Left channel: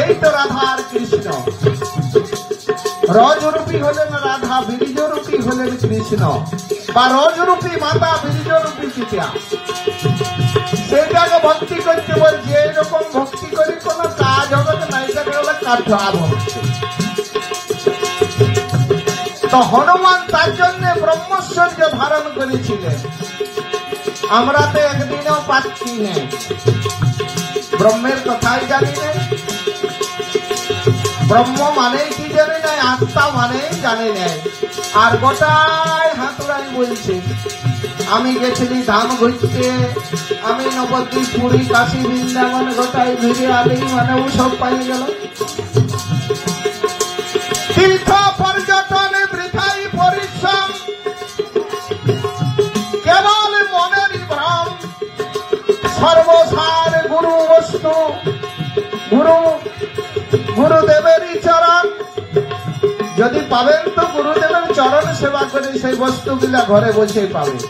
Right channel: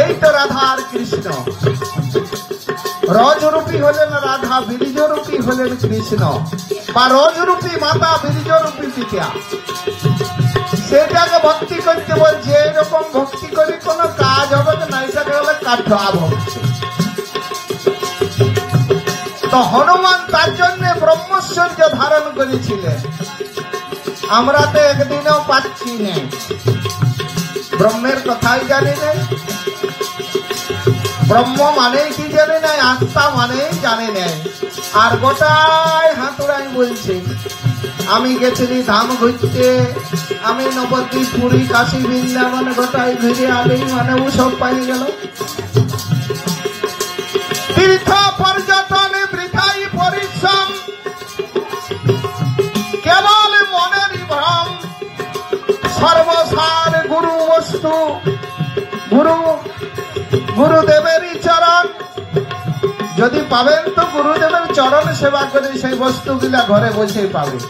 এই তো রাধা আর কৃষ্ণ। রজরূপী হলেন রাধা, বীর্যরূপী হলেন কৃষ্ণ, বা রজরূপী মাতা, বীর্যরূপী পিতা। সেটাকে ভক্তি করতে বলছে। এরকম ভক্তি করে কোনো কাজ হবে না, এটাকে হলে কাঠলাভ হচ্ছে। তো হনুমান তার জন্য ব্রহ্মচর্য ধারণ করেছিলেন। আমরা তো একদিনও পাচ্ছি না, ব্রহ্মের কথাই জানি নাই, ব্রহ্ম মানেই কি জানে নাই, আত্মা মানেই জানে নাই। আর গোটাই হাতুড়াই বলছে আমি গেছিলি ধাম ঘুরতে, আমি নবদ্বীপ, পুরী, কাশী, বৃন্দাবন গোটাই ঘুরে আগেই মানে ও সব পাই গেল। তীর্থ পর্যটনে বৃথাই পরিশ্রম, কেবল মনের ভ্রম, সর্বসার গুরু বস্তু, গুরুদেবেরই চরণ। যদি পাবেন তো গুরুদেবের চরণ সেবা করে সেই বস্তুগুলা ঘরে বসে পাবেন।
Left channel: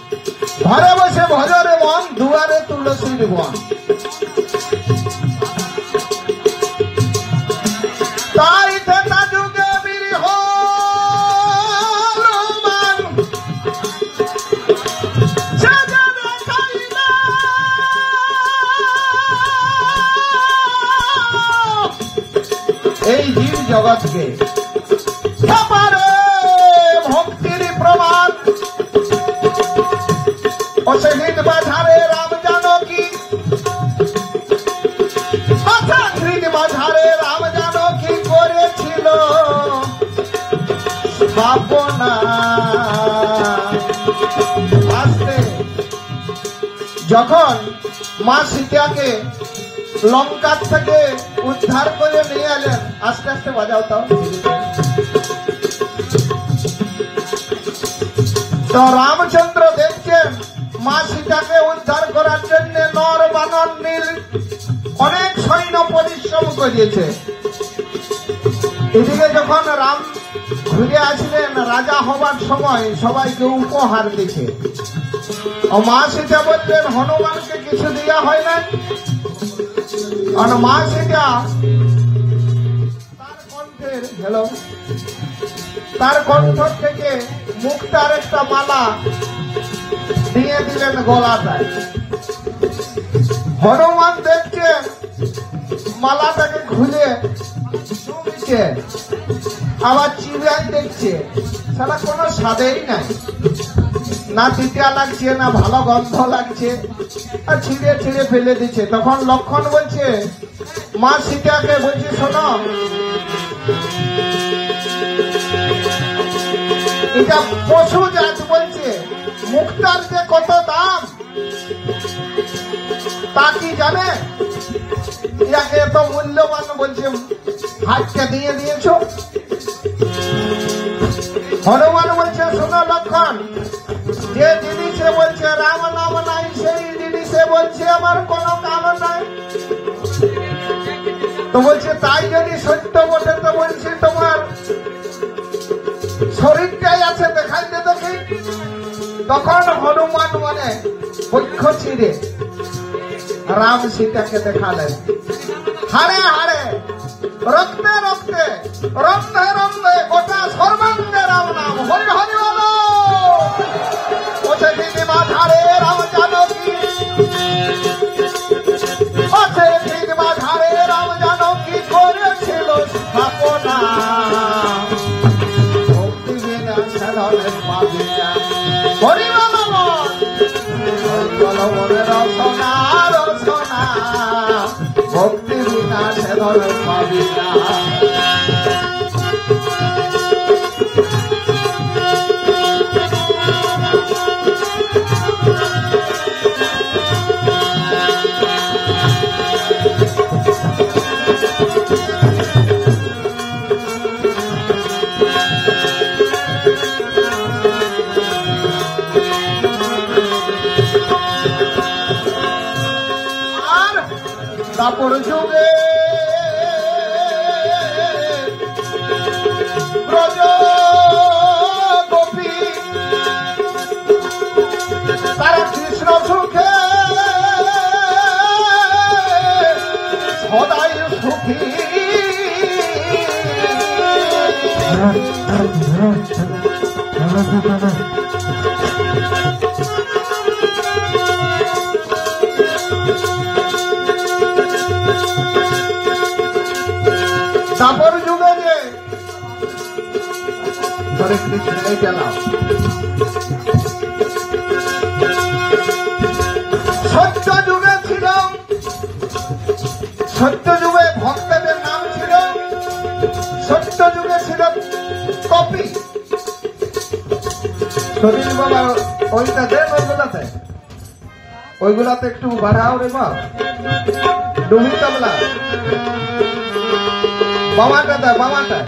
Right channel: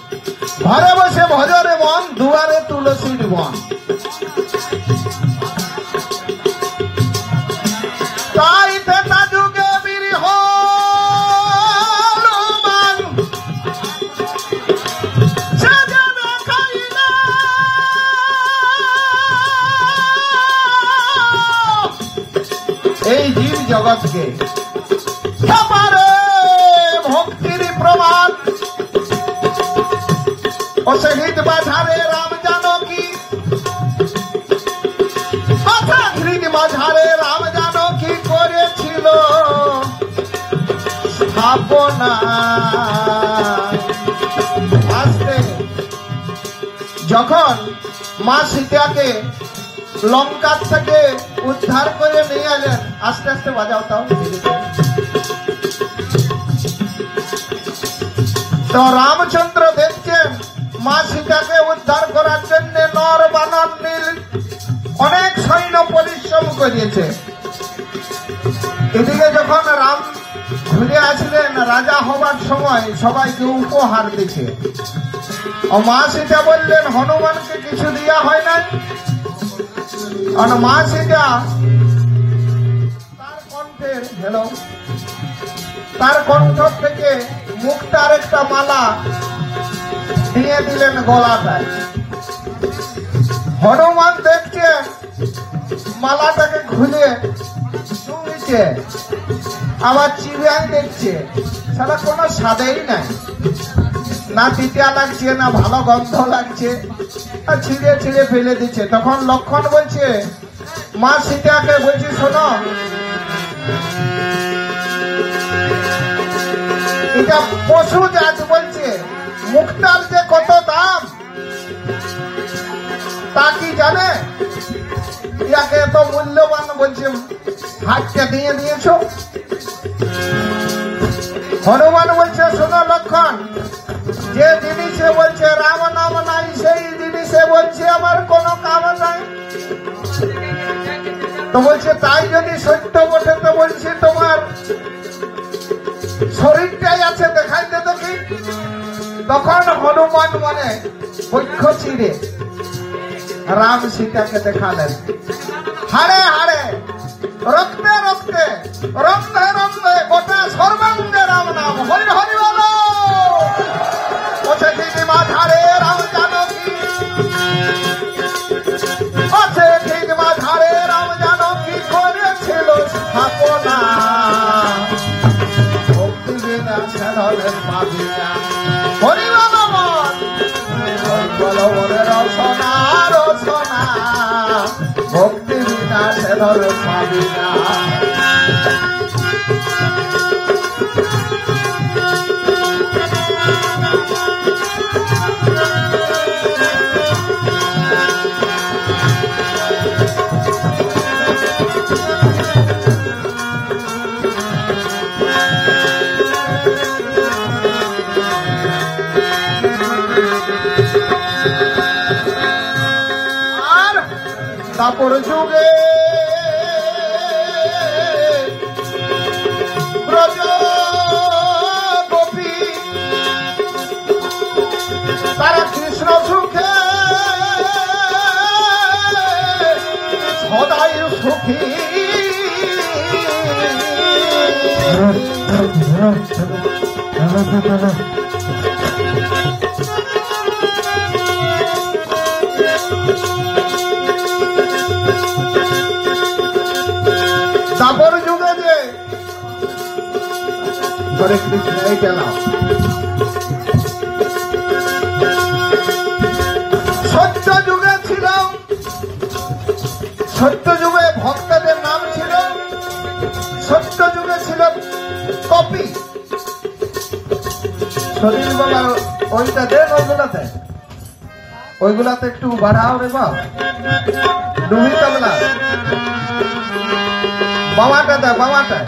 ঘরে বসে ভজরে বন, দুয়ারে তুলসীর বন। এই জীব জগৎকে ভক্তির প্রমাণ অসহিত বাধারে রাম জানকী, বাধারে রাম জানকী করেছিল স্থাপনা। যখন মা সীতাকে লঙ্কার থেকে উদ্ধার করে নিয়ে এলেন, আস্তে আস্তে বাজাও তাও। তো রামচন্দ্র দেখছেন মা সীতাকে উদ্ধার করার জন্য নর বানর নীল অনেক সৈন্য পরিশ্রম করিয়েছে। এদিকে যখন রাম ঘুরে আসলেন রাজা হবার সময় সবাইকে উপহার দিচ্ছে। ও মা সীতা বললেন হনুমানকে কিছু দেওয়া হয় নাই। আর মা সীতা তার কণ্ঠ থেকে মুক্তার একটা মালা দিয়ে দিলেন গলাটায়। হনুমান দেখছে মালাটাকে খুলে শুনছে, আবার চিবিয়ে দেখছে, তাহলে কোনো স্বাদেই নাই, না তিতা লাগছে না ভালো গন্ধ লাগছে, আর ছিঁড়ে ছিঁড়ে ফেলে দিচ্ছে। তখন লক্ষণ বলছে মা সীতাকে বলছে শোনো, এটা পশু জাত বলছে, মুক্তার যে কত দাম তা কি জানে? ইয়াকে এত মূল্যবান বলছে হাতকে দিয়ে দিয়েছ। হনুমান বলছে শোনো লক্ষণ, যে জিনিসে বলছে রাম নাম নাই সেই জিনিসে বলছে আমার কোনো কাম নেই। তো বলছে তাই যদি সত্য বটে তো বলছে তোমার শরীরটাই আছে দেখাইতে তো কি। তখন হনুমান মনে বৃক্ষ চিরে রাম সীতাকে দেখালেন। হারে হারে রক্তে রক্তে রক্তে রক্তে গোটা সর্বাঙ্গে রাম নাম, হরি হরি বল। বাধারে রাম জানকী, বাধারে রাম জানকী করেছিল স্থাপনা। ভক্তি বিনা সাধনে পাবিনা, হরি ভক্তি বিনা সাধনে পাবিনা। কাপড় যুগে সুখী তারপর যুগে যে হরে কৃষ্ণ এই কেন সত্য যুগে ছিল সত্য যুগে ভক্তদের নাম ছিল সত্য যুগে ছিল কপি ওইটা দেন ওইগুলাতে একটু বাড়াও রে বাপ ডুবি তবলা বাবাটা দে বাবাটা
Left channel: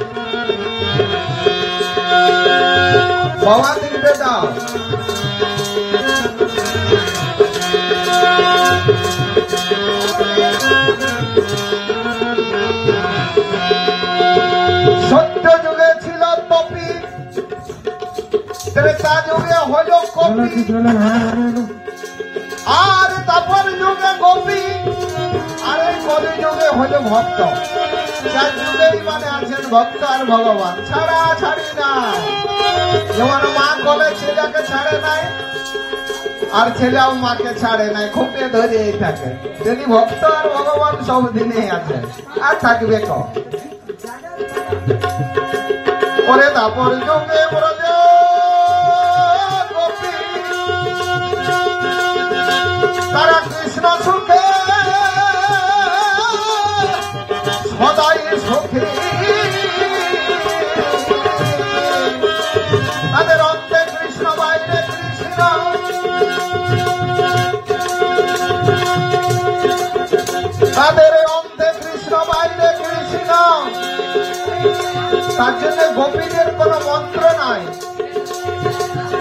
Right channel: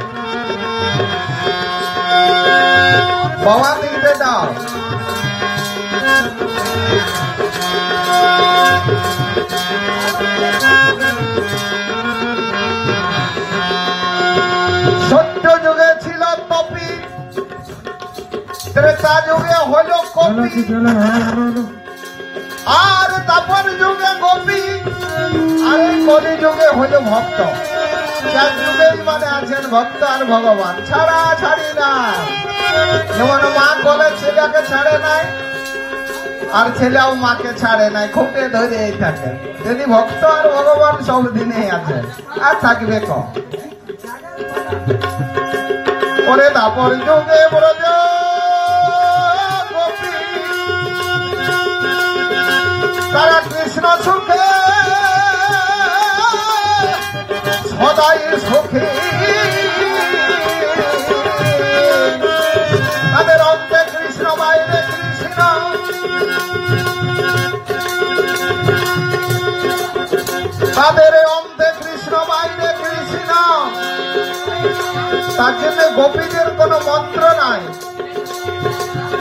বাবা দিকে দাও সত্য যুগে ছিল কপি ত্রেতা যুগে হল কপি আর তারপর যুগে কপি আর কলি যুগে হল ভক্ত যার যুগেই মানে আছেন ভক্ত আর ভগবান ছাড়া ছাড়ি না যেমন মা বলে ছেলেকে ছাড়ে নাই আর ছেলেও মাকে ছাড়ে নাই খুঁটে ধরেই থাকে যদি ভক্ত আর ভগবান সব দিনেই আছে আর থাকবে কম ওরে তারপর যুগে ব্রজ তারা কৃষ্ণ সুখে সদাই সুখী তাদের অন্তে কৃষ্ণ বাইরে কৃষ্ণ তাদের অন্তে কৃষ্ণ বাইরে কৃষ্ণ তার জন্য গোপীদের কোন মন্ত্র নাই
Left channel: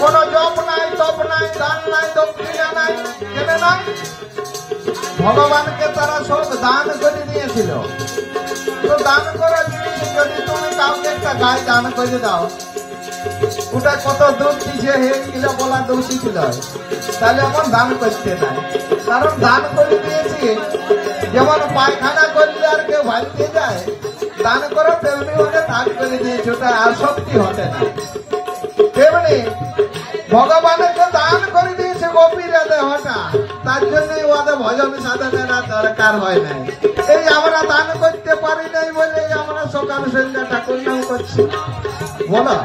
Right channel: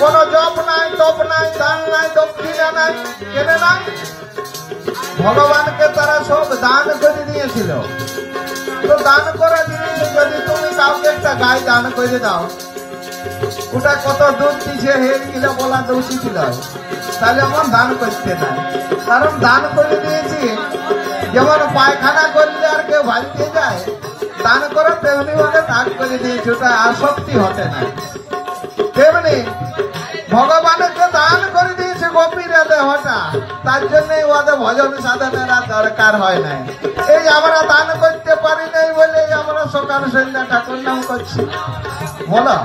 কোন জপ নাই তপ নাই দান নাই দক্ষিণা নাই কেন নাই ভগবানকে তারা সব দান করে দিয়েছিল দান করা জিনিস যদি তুমি কাউকে একটা গায়ে দান করে দাও ওটা কত দুধ দিছে হেগুলো বলা দোষী ছিল তাহলে আমার দান করতে নাই কারণ দান করে দিয়েছি যেমন পায়খানা করলে আর কেউ ভাইতে যায় দান করে তেমনি বলে দান করে দিয়েছি ওটা আসক্তি হতে না তেমনি ভগবানকে দান করে দিয়েছে গোপীরা দেহটা তার জন্যই ওদের ভজন সাধনেরা দরকার হয় নাই এই আমরা দান করতে পারি নাই বলে আমরা সকাল সন্ধ্যা ঠাকুর নাম করছি বলো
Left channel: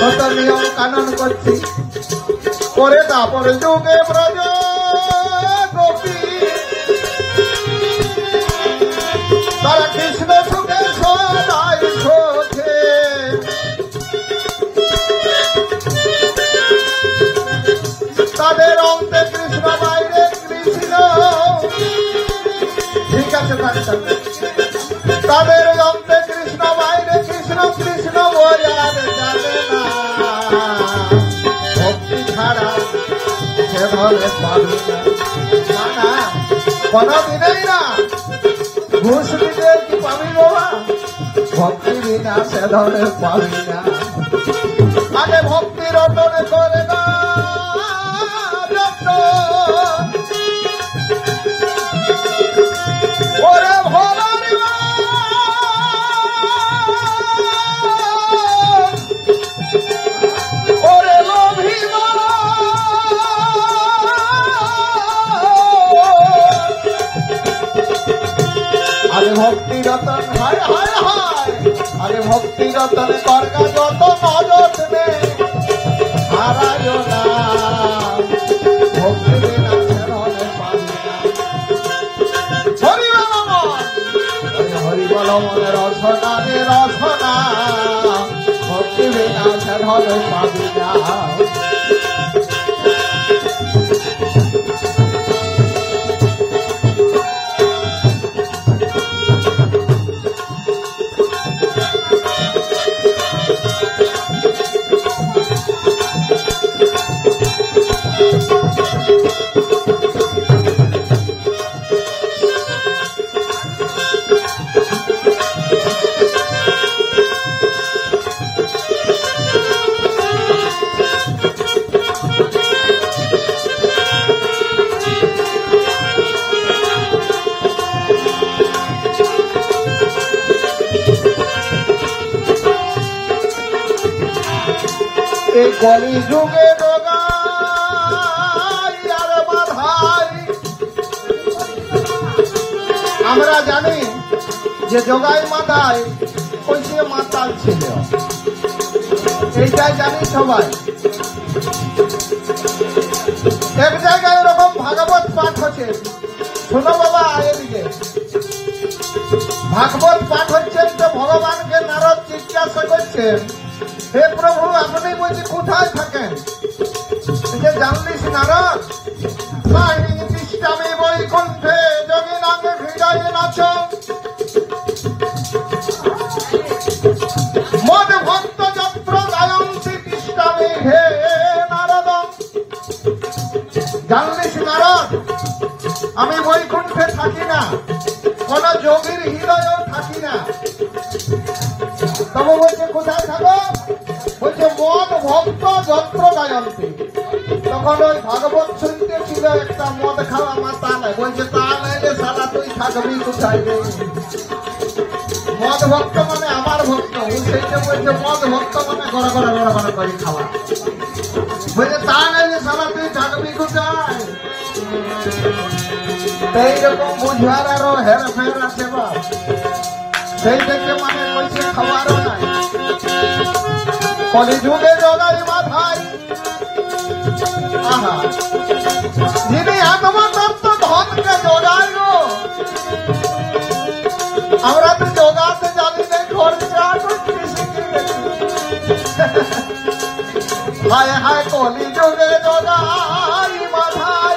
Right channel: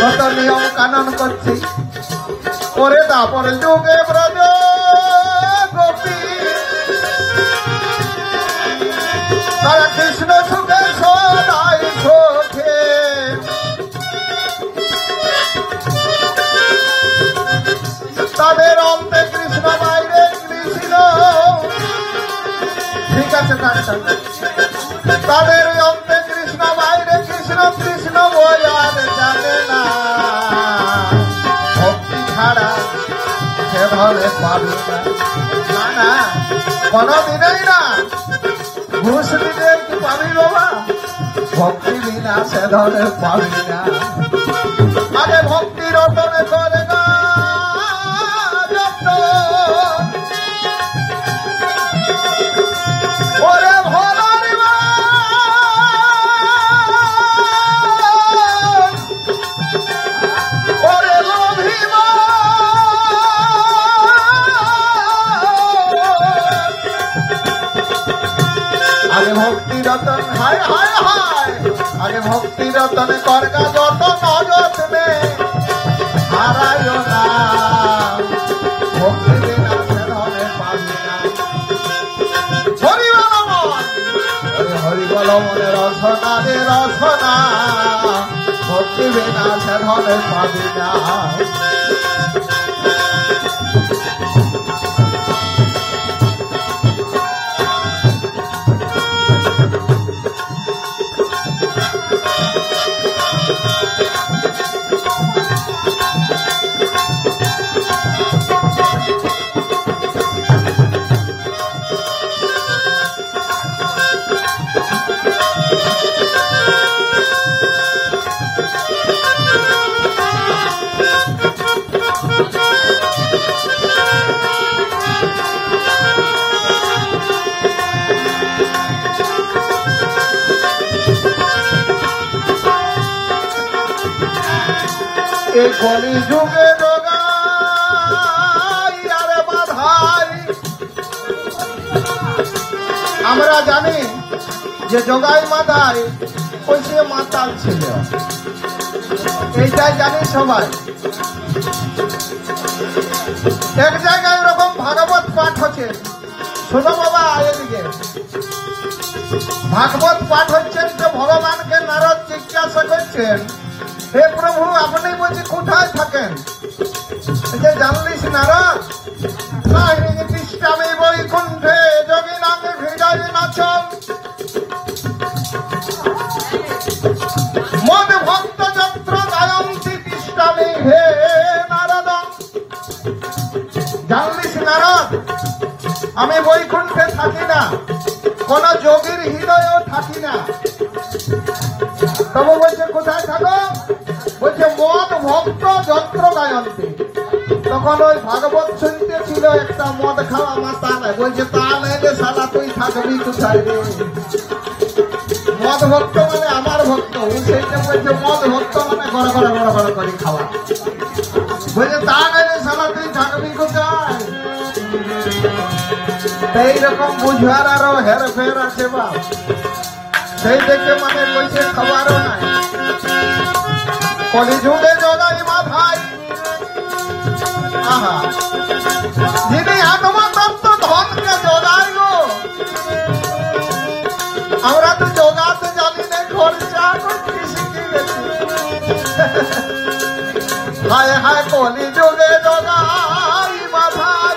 কত নিয়ম কানন করছি পরে তারপরে যুগে ব্রজ গোপী তারা কৃষ্ণ সুখে সদাই সুখে তাদের অন্তে কৃষ্ণ বাইরে কৃষ্ণ ঠিক আছে তাদের অন্তে কৃষ্ণ বাইরে কৃষ্ণ কৃষ্ণ ওয়ার জানে না ভক্তি ছাড়া সে ধরে পাবে না কোনদিনই না ঘুষ দিতে কি পাবি বাবা ভক্তি বিনা সে ধরে পাবি না মানে ভক্তির ওপরে করে আরে ভক্তি রতন হায় হায় হায় আরে ভক্তি রতন করগা যত দৌলত নে হারায় না ভক্তি বিনা ধরে পাবি না হরি বল মনে রসনা রে রসনা ভক্তি বিনা ধরে পাবি না এই কলি যুগে জগাই আরে বাধাই। আমরা জানি যে জগাই মাথায় ওই সে মাতাল ছিল, এইটাই জানি সবাই। এক জায়গায় এরকম ভাগবত পাঠ হচ্ছে, শোনো বাবা এদিকে। ভাগবত পাঠ হচ্ছেন তো ভগবানকে নারদ জিজ্ঞাসা করছেন, হে প্রভু আপনি বুঝি কোথায় থাকেন? জানলিস নারদ, তিষ্ঠামি বৈকুণ্ঠে যোগী নামে হৃদয় নাচ মন ভক্ত যত্র গায়ন্তি তিষ্ঠামি হে নারদ। জানলিস নারদ, আমি বৈকুণ্ঠে থাকি না, কোন যোগীর হৃদয় থাকি না। তবে বলছে কোথায় থাকো? বলছে মন ভক্ত যন্ত্র গায়ন্তি। তখন ওই ভাগবত শুনতে ছিল একটা মদ খাওয়া মাতা নাই। বলছে তা নাইলে সারা তুই থাকবি কোথায় রে? মদ ভক্ত মানে আমার ভক্ত, সেইটা বলছে মদ ভক্ত মানে ঘরে ঘরে বড় বড় করে খাওয়া। বলছে তা নাইলে সারা তুই থাকবি কোথায়? এইরকম বুঝবার আরো হেরফের আছে বলা, সেই থেকে মানে কইছে খবরও নাই। কলি যুগে জগাই মাথায় যিনি আত্মতত্ত্ব ভক্তকে জগাই গো, আমরা তো জগাতে জানি না, খরচা করতে শিখে গেছি। হায় হায় কলি যুগে জগাই মাথায়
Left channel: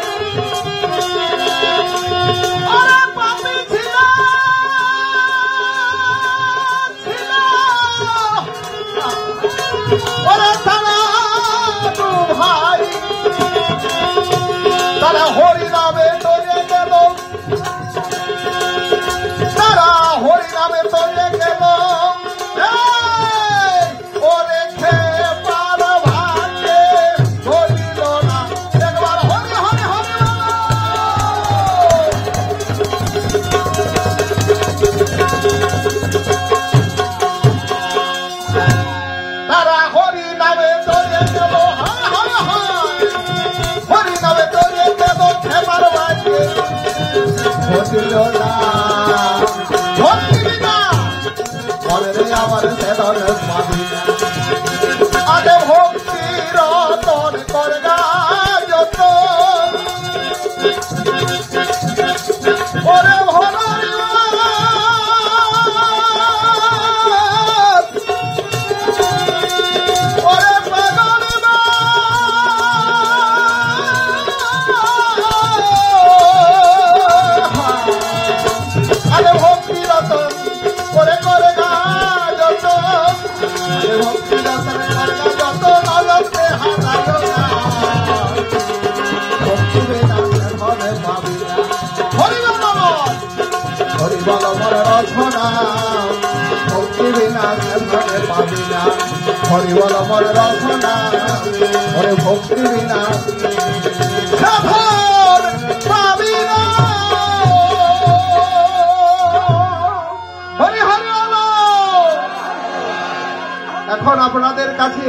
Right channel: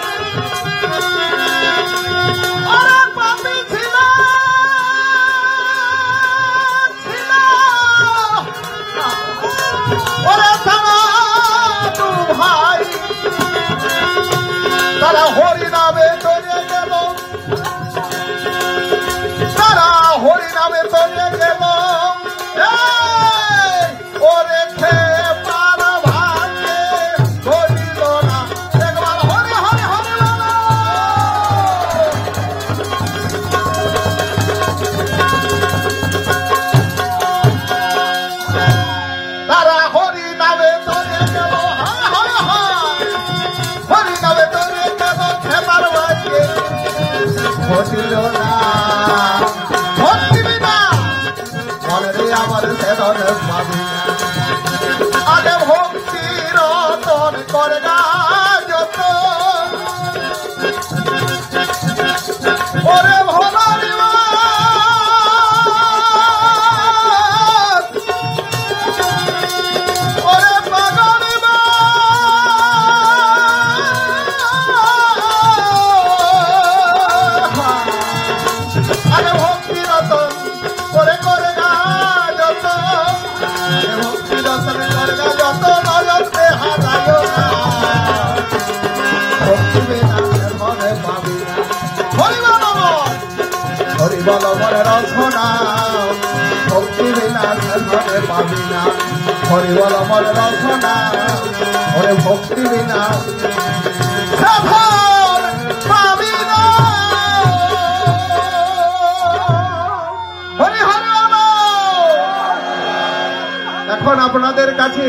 ভক্তি বিনা এখন আপনাদের কাছে